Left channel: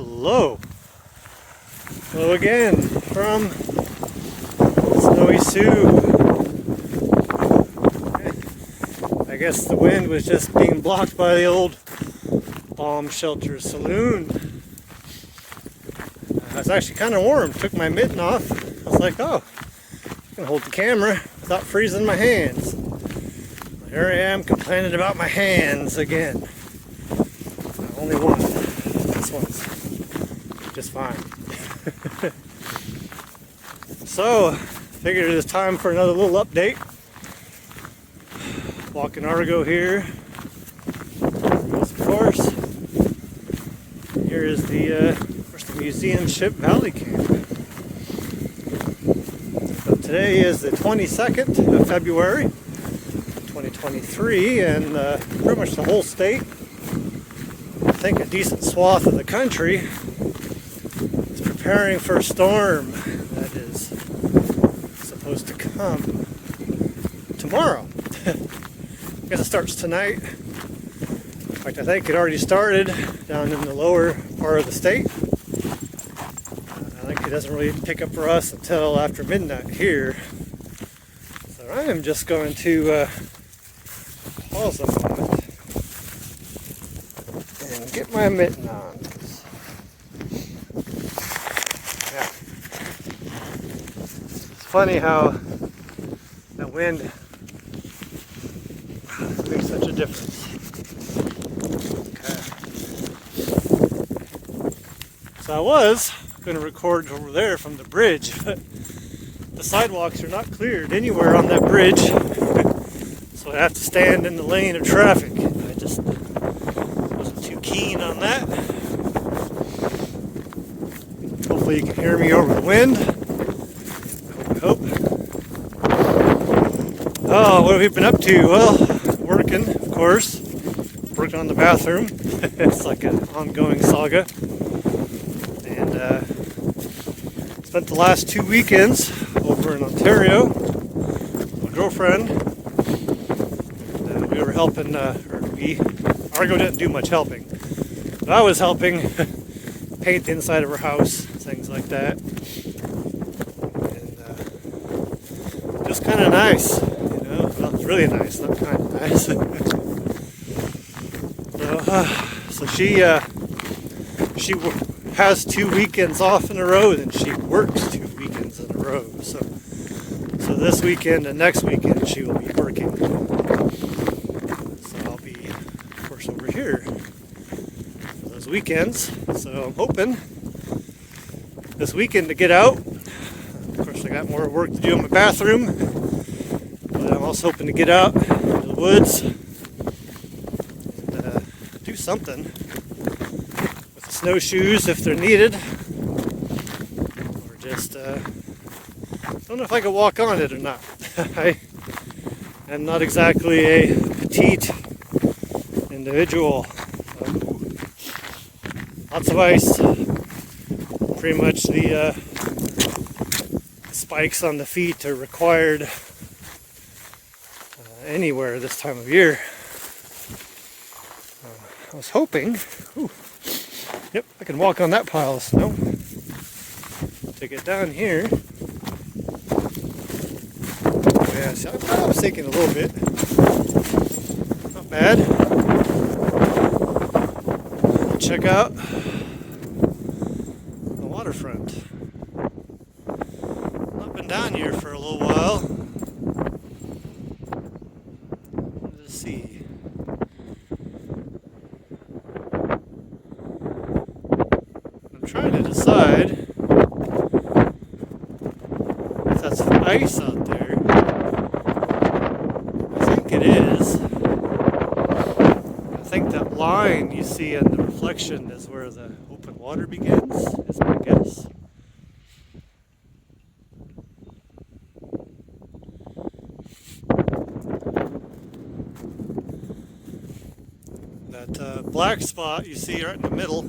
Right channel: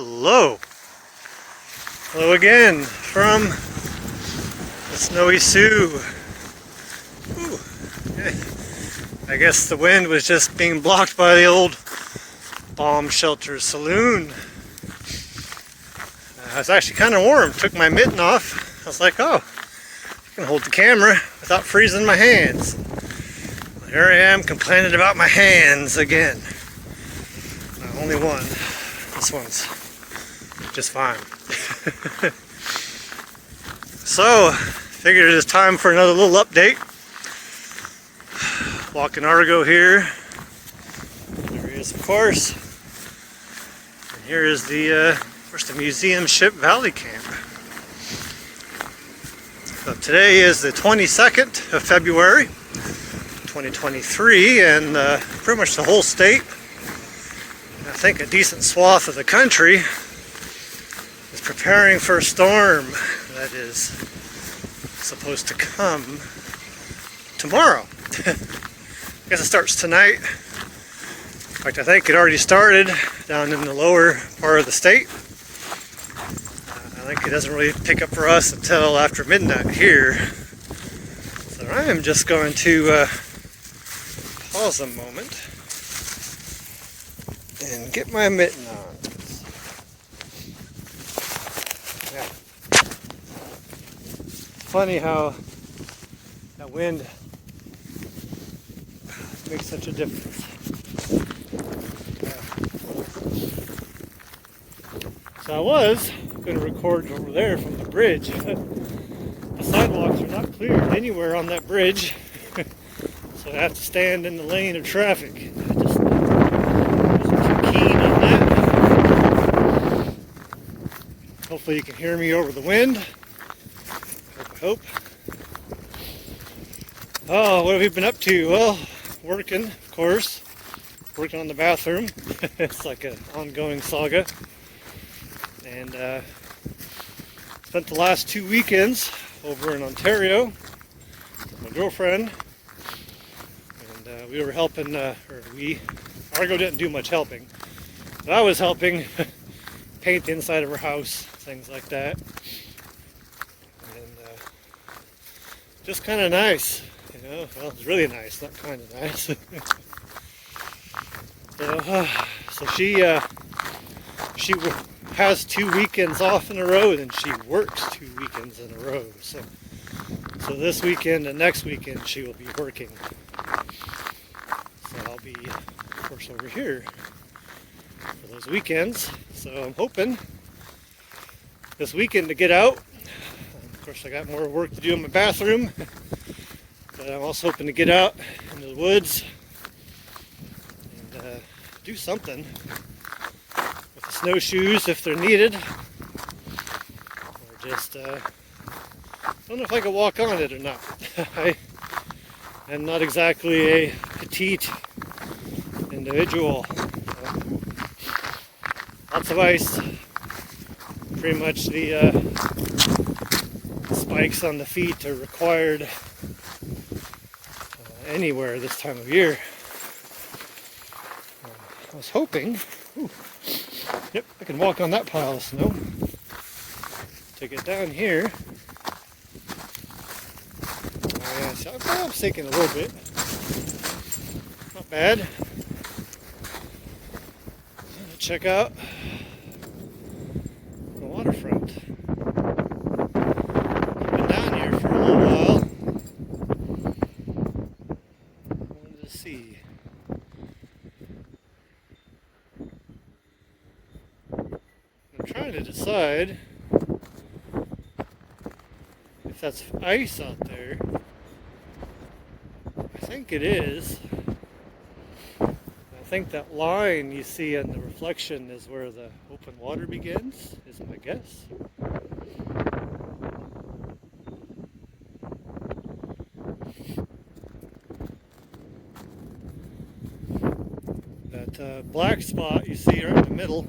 Hello. Hello again from Snowy Sioux. I guess the wind was just being blocked by the old bomb shelter saloon. It was actually kind of warm. Took my mitten off. I was like, oh, I can hold the camera without freezing my hands. Well, here I am complaining about my hands again. Only one. This one's just fine. So, figured it's time for another little update. Walking Argo here. There he is, of course. And here is the museum ship Valley Camp. So today is the 22nd of February, 2023, and pretty much the whole state, I think a decent swath of the country, is preparing for a storm that is supposed to come tomorrow. I guess it starts tonight. In fact, I think it already started down in the lower part of the state. I think it doesn't really pick up for us until after midnight here. So I am just going to pause a moment and get my mitten on. Yeah. It's funny how that wind makes such a difference. Okay. So I was going to record over there from the bridge, but the sidewalks are not cleared anywhere on that bridge, so I have to stand in the lane of traffic. I just keen on that. Hopefully you can hear me over the wind. Hope. Oh, what have you been up to? Well, working, of course. Working on the bathroom. It's like an ongoing saga. And spent the last 2 weekends over in Ontario with my girlfriend. And we were helping, Argo didn't do much helping. But I was helping paint the inside of her house, things like that. And just kind of nice, you know. Well, it's really nice, not kind of nice. So she has 2 weekends off in a row, and she works 2 weekends in a row. So this weekend and next weekend she will be working. So I'll be, of course, over here for those weekends. So I'm hoping this weekend to get out. Of course, I got more work to do in my bathroom, but I'm also hoping to get out into the woods and do something with the snowshoes if they're needed, or just don't know if I can walk on it or not. I'm not exactly a petite individual. Lots of ice. Pretty much the spikes on the feet are required anywhere this time of year. I was hoping, yep, I can walk on that pile of snow. Take it down here. Yeah, so I was thinking a little bit. Not bad. Check out the waterfront. I've been down here for a little while. Let's see. I'm trying to decide if that's ice out there. I think it is. I think that line you see in the reflection is where the open water begins, is my guess. That black spot you see right in the middle,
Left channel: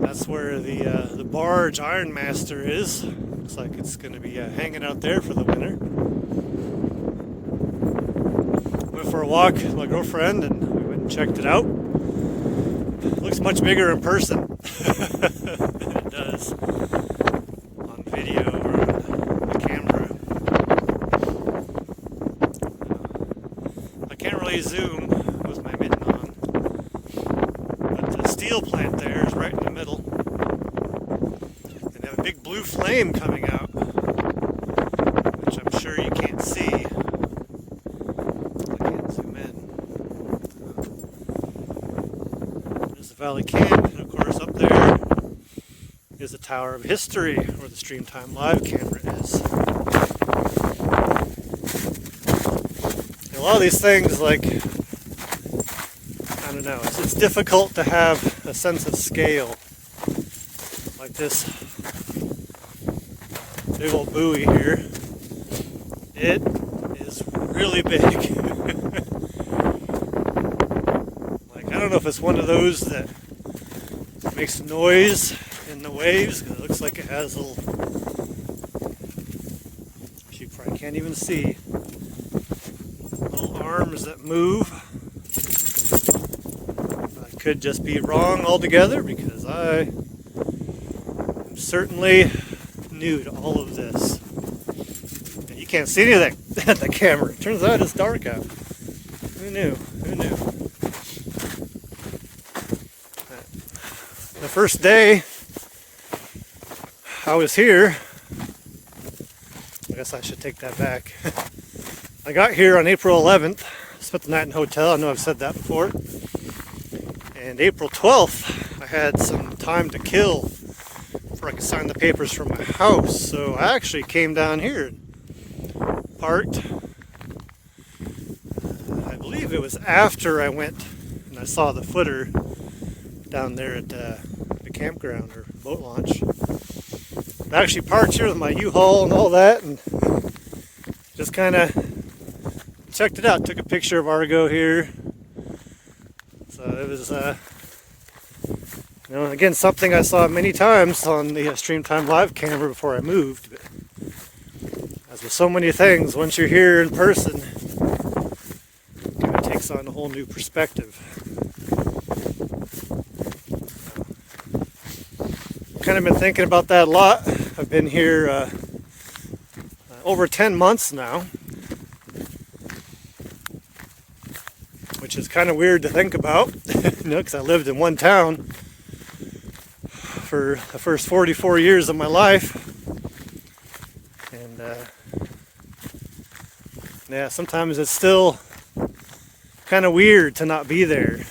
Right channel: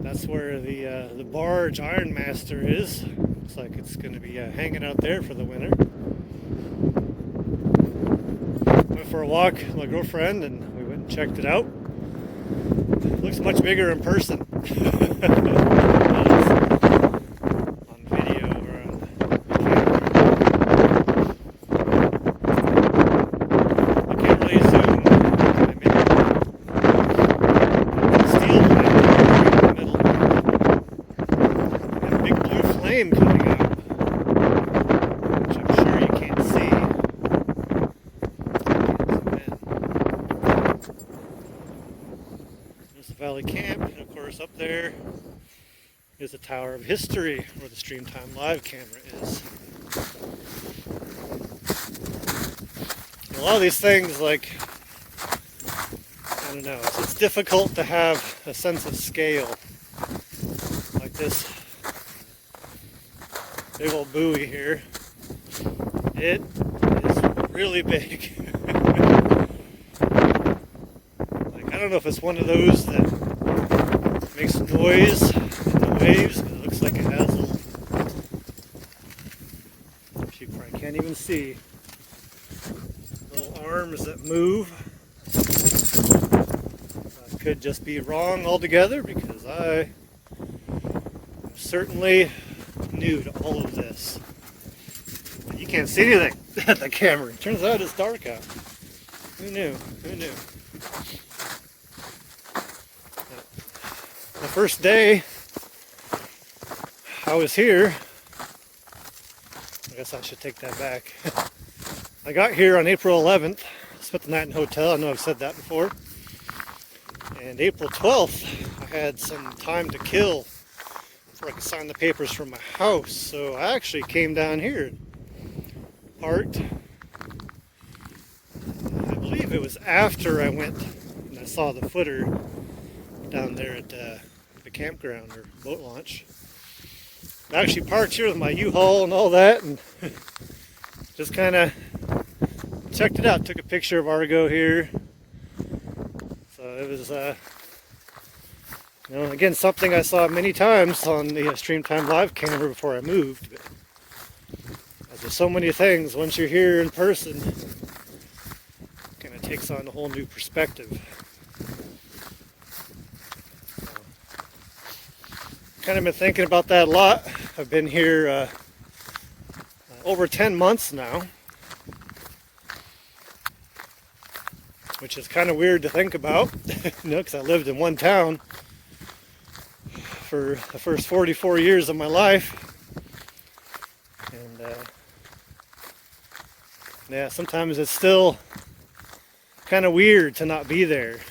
that's where the barge Ironmaster is. Looks like it's going to be hanging out there for the winter. Went for a walk with my girlfriend and we went and checked it out. It looks much bigger in person. On video or on the camera. I can't really zoom. Steel plant right in the middle. Got a big blue flame coming out, which I'm sure you can't see. There's the Valley Camp, and of course up there is the Tower of History, where the Streamtime Live camera is. A lot of these things, like, I don't know, it's difficult to have a sense of scale. Like this big old buoy here. It is really big. Like, I don't know if it's one of those that makes noise in the waves. It looks like it has little, you probably can't even see, little arms that move. I could just be wrong altogether, because I am certainly new to all of this. You can't see anything at the camera. Turns out it's dark out. Who knew? Who knew? The first day I was here, I guess I should take that back. I got here on April 11th, spent the night in a hotel. I know I've said that before. And April 12th, I had some time to kill before I could sign the papers for my house. So I actually came down here and parked. I believe it was after I went and I saw the footer down there at the campground or boat launch. I actually parked here with my U-Haul and all that, and just kind of checked it out. Took a picture of Argo here. So it was, you know, again, something I saw many times on the Streamtime Live camera before I moved. But as with so many things, once you're here in person, it kind of takes on a whole new perspective. Kind of been thinking about that a lot. I've been here over 10 months now, which is kind of weird to think about, you know, because I lived in one town for the first 44 years of my life, and yeah, sometimes it's still kind of weird to not be there.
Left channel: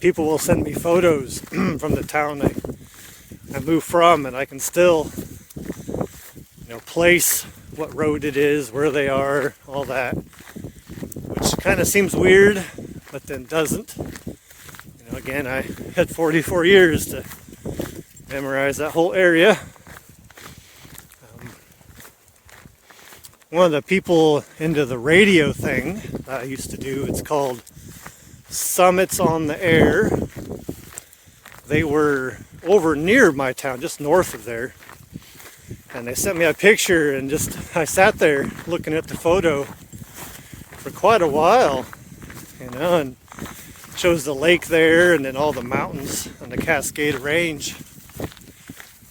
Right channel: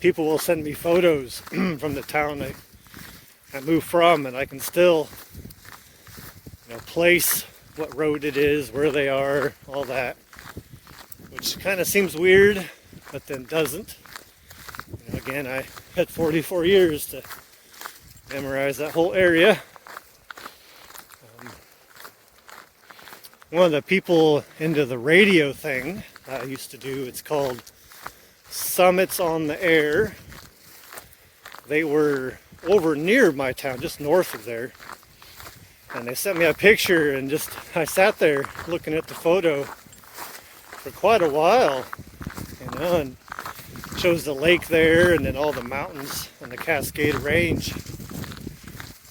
People will send me photos from the town I moved from, and I can still, you know, place what road it is, where they are, all that, which kind of seems weird, but then doesn't. You know, again, I had 44 years to memorize that whole area. One of the people into the radio thing that I used to do, it's called Summits on the Air. They were over near my town, just north of there, and they sent me a picture, and just I sat there looking at the photo for quite a while, you know, and it shows the lake there, and then all the mountains and the Cascade Range,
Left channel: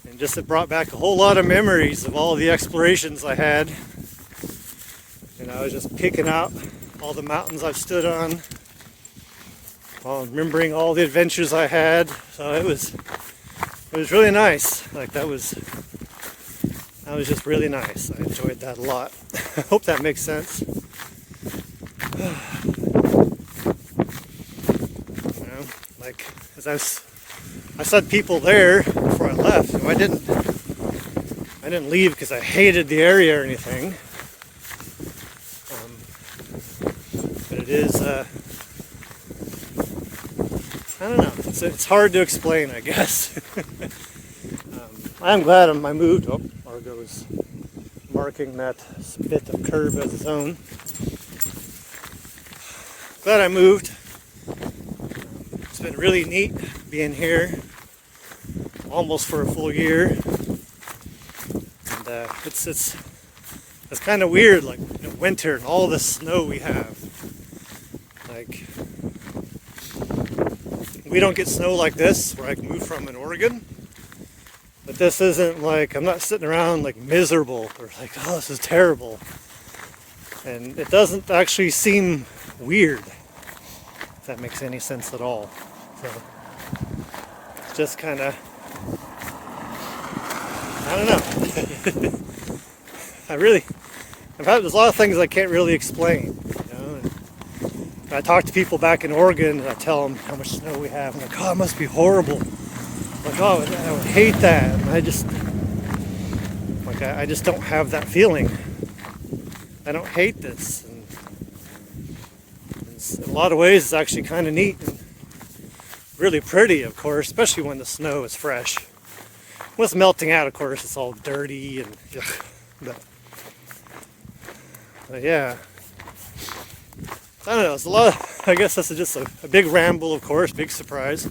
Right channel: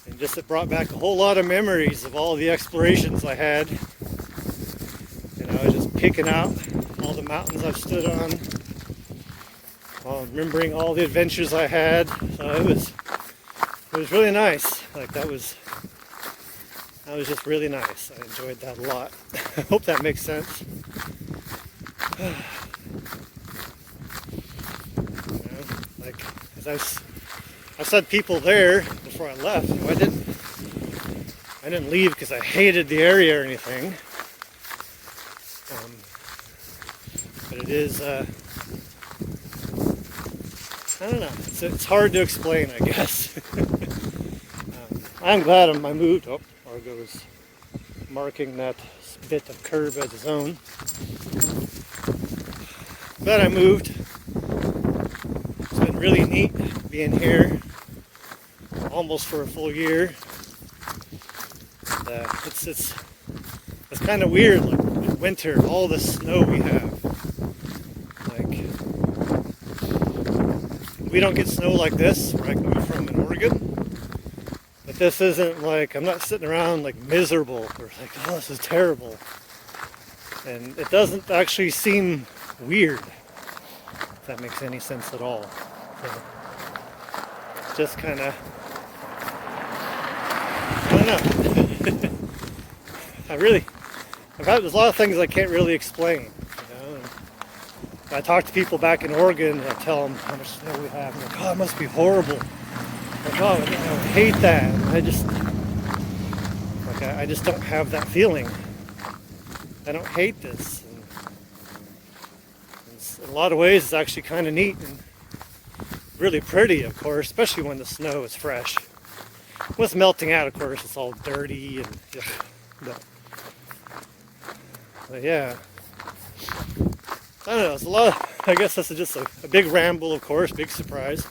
and just it brought back a whole lot of memories of all the explorations I had, and I was just picking out all the mountains I've stood on, remembering all the adventures I had. So it was really nice. Like, that was just really nice. I enjoyed that a lot. I hope that makes sense. You know, like, as I said, people there before I left. I didn't leave because I hated the area or anything. But it is, I don't know. It's hard to explain, I guess. I'm glad I moved. Oh, Argo is marking that bit of curve as his own. Glad I moved. It's been really neat being here almost for a full year. And it's kind of weird, like winter, all the snow we have. Like, we don't get snow like this where I moved from in Oregon. But this isn't like, I'm not sitting around like miserable or like, oh, this is terrible. And it doesn't actually seem weird, if that makes any sense at all. So it's just kind of, I don't know. There's a lot of things I can't really explain. I talk to people back in Oregon and I tell them how much snow we have. I'm like, oh, it must be horrible. Like, oh, I hate that. And I just don't have that feeling. I don't hate this. And in a lot of ways, it's actually kind of neat and really pretty, of course, especially when the snow is fresh. When it's melting out, of course, it's all dirty and but yeah. I don't know, it's a lot, I guess this is just a big ramble, of course, big surprise.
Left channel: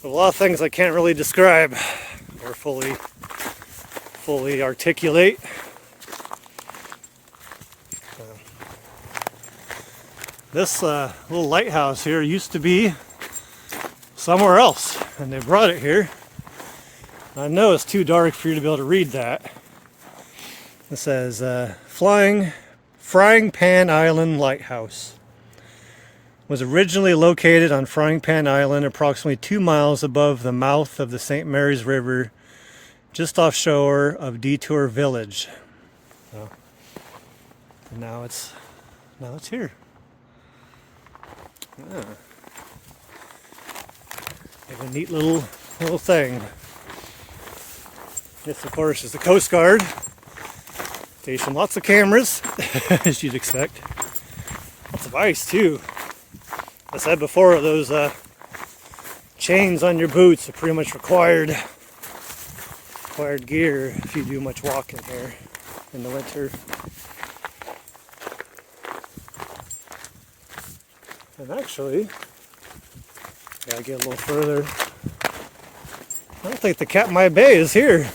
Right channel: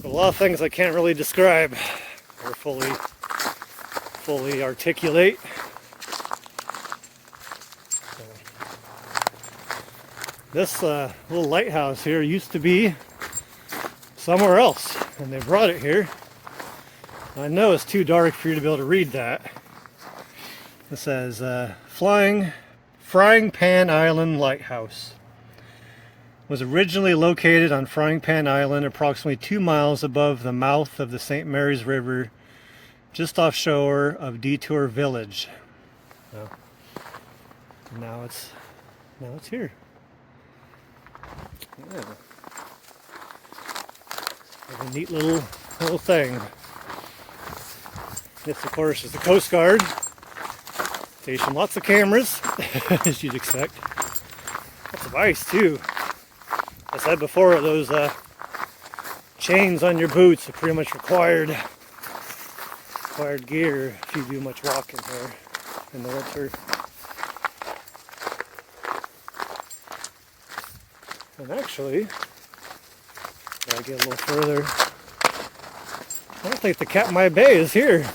But a lot of things I can't really describe or fully articulate. This little lighthouse here used to be somewhere else, and they brought it here. I know it's too dark for you to be able to read that. It says, Frying Pan Island Lighthouse. Was originally located on Frying Pan Island, approximately 2 miles above the mouth of the St. Mary's River, just offshore of Detour Village. Well, now it's here. Yeah. Like a neat little thing. This, of course, is the Coast Guard. Station lots of cameras, as you'd expect. Lots of ice too. I said before, those chains on your boots are pretty much required gear if you do much walking here in the winter. And actually, gotta get a little further. I don't think the Katmai Bay is here.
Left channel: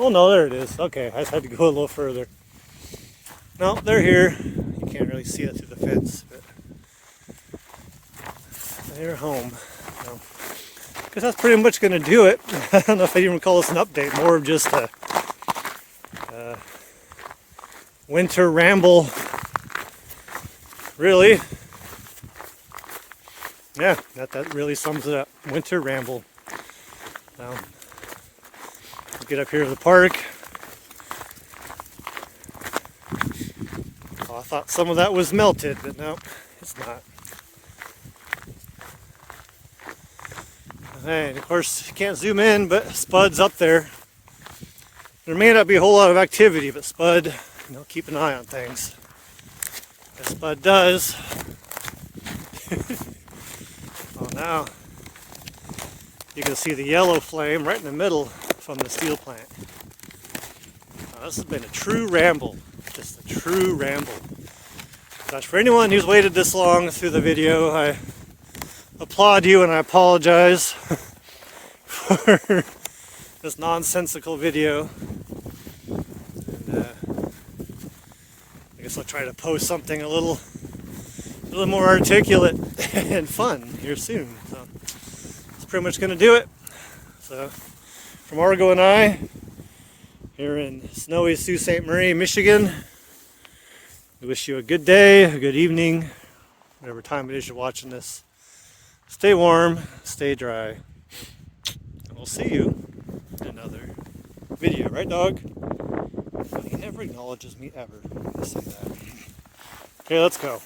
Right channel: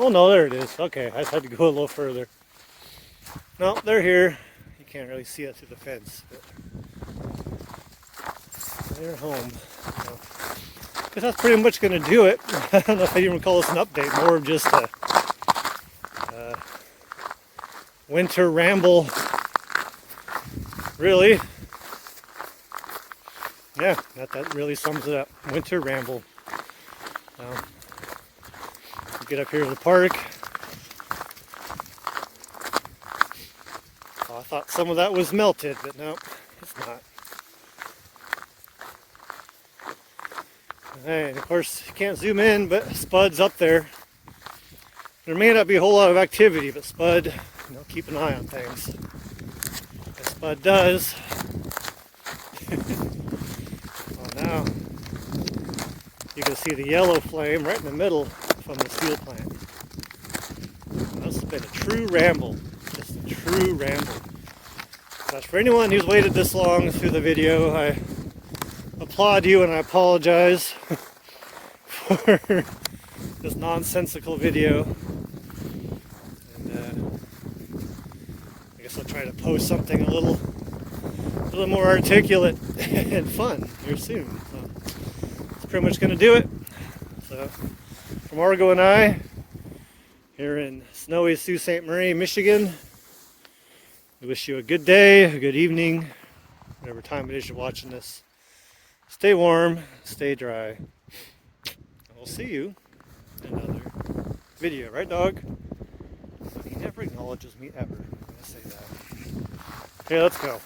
Oh no, there it is. Okay, I just had to go a little further. No, they're here. You can't really see it through the fence, but they're home. So, I guess that's pretty much going to do it. I don't know if I'd even call this an update, more of just a winter ramble. Really? Yeah, that really sums it up. Winter ramble. Get up here to the park. Oh, I thought some of that was melted, but no, it's not. Hey, of course, you can't zoom in, but Spud's up there. There may not be a whole lot of activity, but Spud, keep an eye on things. As Spud does. Oh, now you can see the yellow flame right in the middle from the steel plant. Now, this has been a true ramble. Just a true ramble. Gosh, for anyone who's waited this long through the video, I applaud you and I apologize for this nonsensical video. And, I guess I'll try to post something a little more articulate and fun here soon. So that's pretty much going to do it. So from Argo and I, here in snowy Sault Ste. Marie, Michigan, we wish you a good day, a good evening, whatever time it is you're watching this. Stay warm, stay dry, and we'll see you in another video. Right, dog? He never acknowledges me ever. Let's say that. Okay, let's go.